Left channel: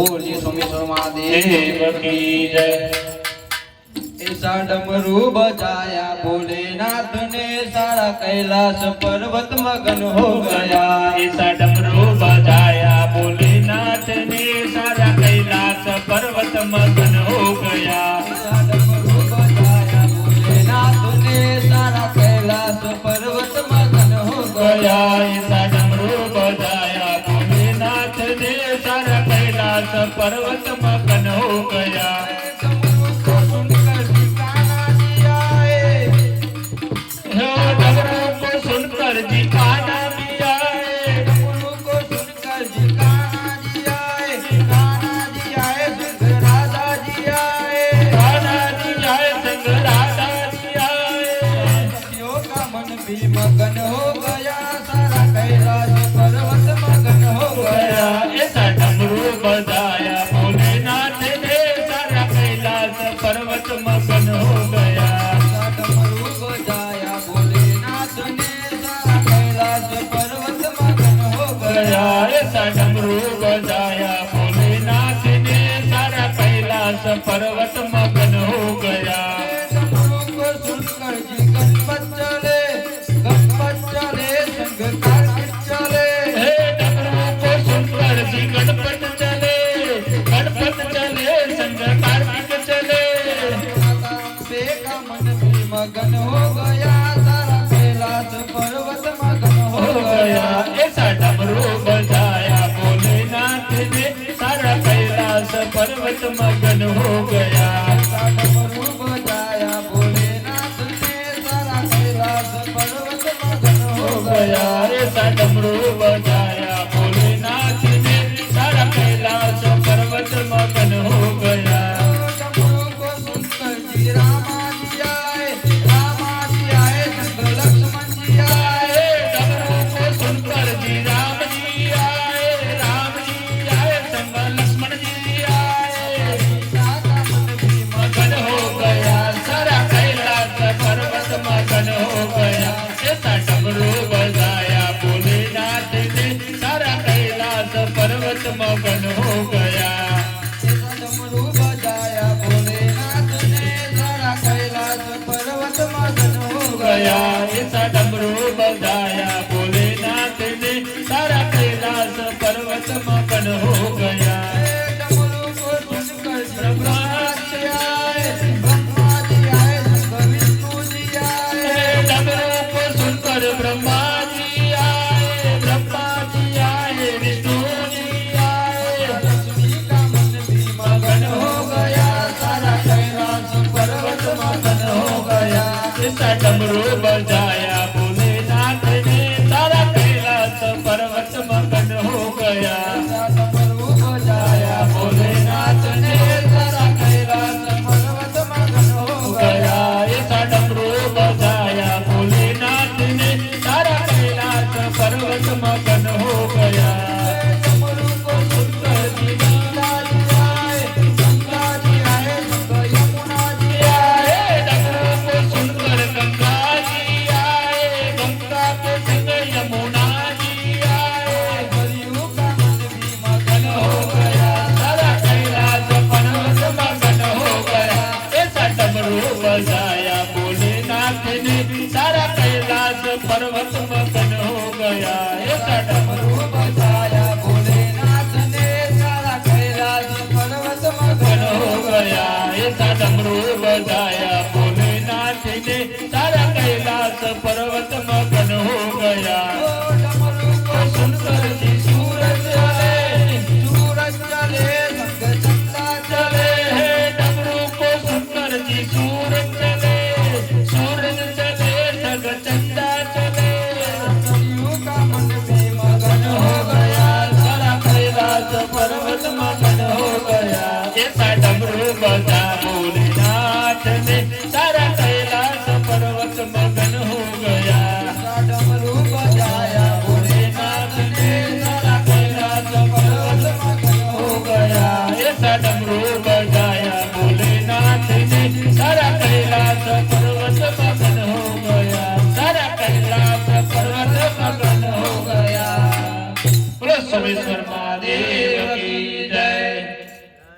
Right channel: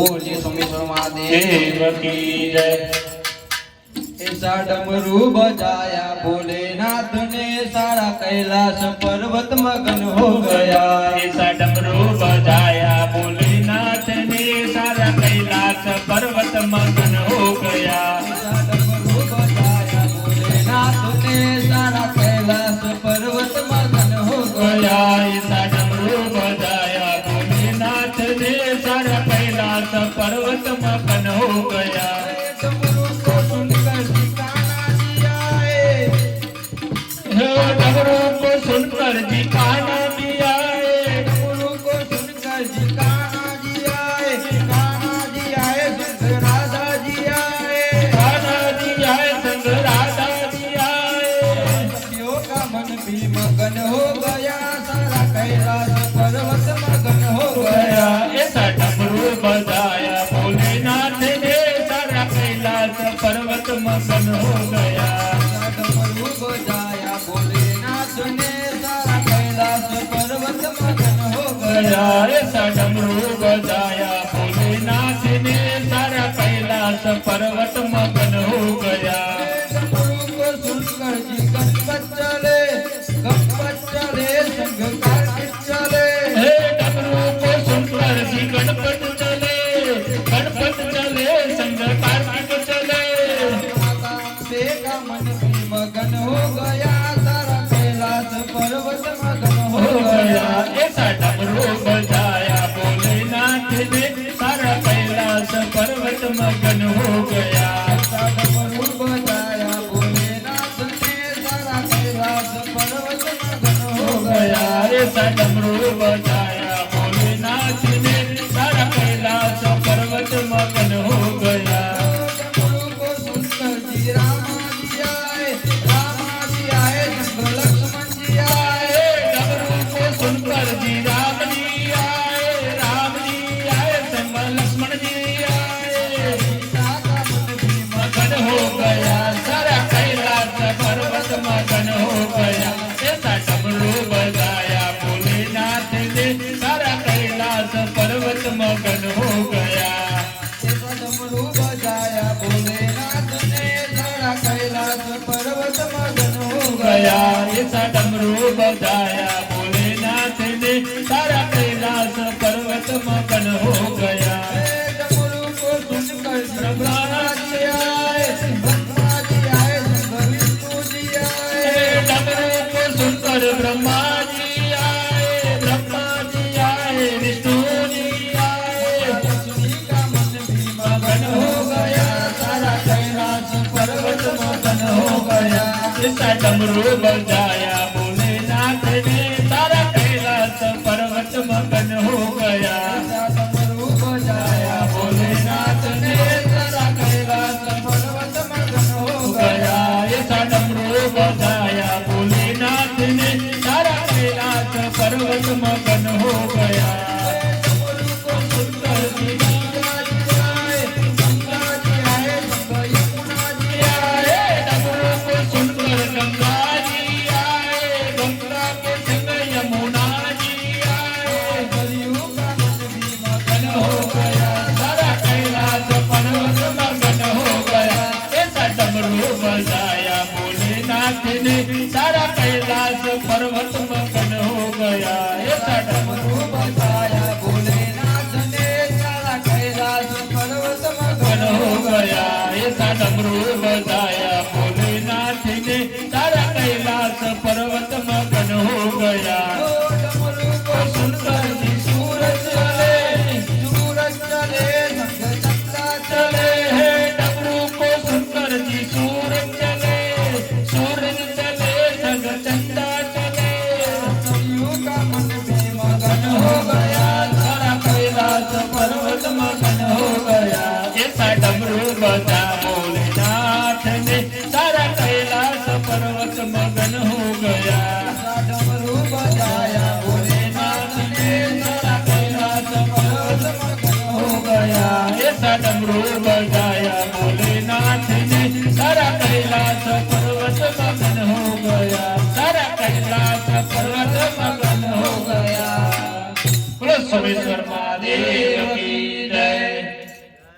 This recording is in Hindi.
बोले सोमेश्वर महादेव की जय। ऐसा डमरू बजाया भोलेनाथ ने सारा कैलाश पर्वत मगन हो गया। ऐसा डमरू बजाया भोलेनाथ ने सारा कैलाश पर्वत मगन हो गया। ऐसा डमरू बजाया भोलेनाथ ने सारा कैलाश पर्वत मगन हो गया। ऐसा डमरू बजाया भोलेनाथ ने सारा कैलाश पर्वत मगन हो गया। डमरू को सुनकर ठिकाना दिया है। डमरू को सुनकर जी काना दिया है। डमरू को सुनकर ठिकाना दिया है। गाना दिया है सिद्ध राधा दिया है। काना दिया है सिंह राधा दिया है। भक्तियों का मन भी मगन हो गया। सारा कैलाश पर्वत मगन हो गया। ऐसा डमरू बजाया भोलेनाथ ने सारा कैलाश पर्वत मगन हो गया। ऐसा डमरू बजाया भोलेनाथ ने सारा कैलाश पर्वत मगन हो गया। ऐसा डमरू बजाया भोलेनाथ ने सारा कैलाश पर्वत मगन हो गया। डमरू को सुनकर जी गणपत चले। गणपत चले संग कार्तिक चले। हे डमरू को सुनकर जी गणपत चले। गणपत चले संग कार्तिक चले। से का मन भी मगन हो गया। सारा कैलाश पर्वत मगन हो गया। ऐसा डमरू बजाया भोलेनाथ ने सारा कैलाश पर्वत मगन हो गया। ऐसा डमरू बजाया भोलेनाथ ने सारा कैलाश पर्वत मगन हो गया। ऐसा डमरू बजाया भोलेनाथ ने सारा कैलाश पर्वत मगन हो गया। डमरू को सुनकर जी रामा जी आए। रामा जी आए संग लक्ष्मण जी आए। डमरू को सुनकर जी राम जी आए। राम जी आए संग लक्ष्मण जी आए। सीता का मन भी मगन हो गया। सारा कैलाश पर्वत मगन हो गया। ऐसा डमरू बजाया भोलेनाथ ने सारा कैलाश पर्वत मगन हो गया। डमरू बजाया भोलेनाथ ने सारा कैलाश पर्वत मगन हो गया। ऐसा डमरू बजाया भोलेनाथ ने सारा कैलाश पर्वत मगन हो गया।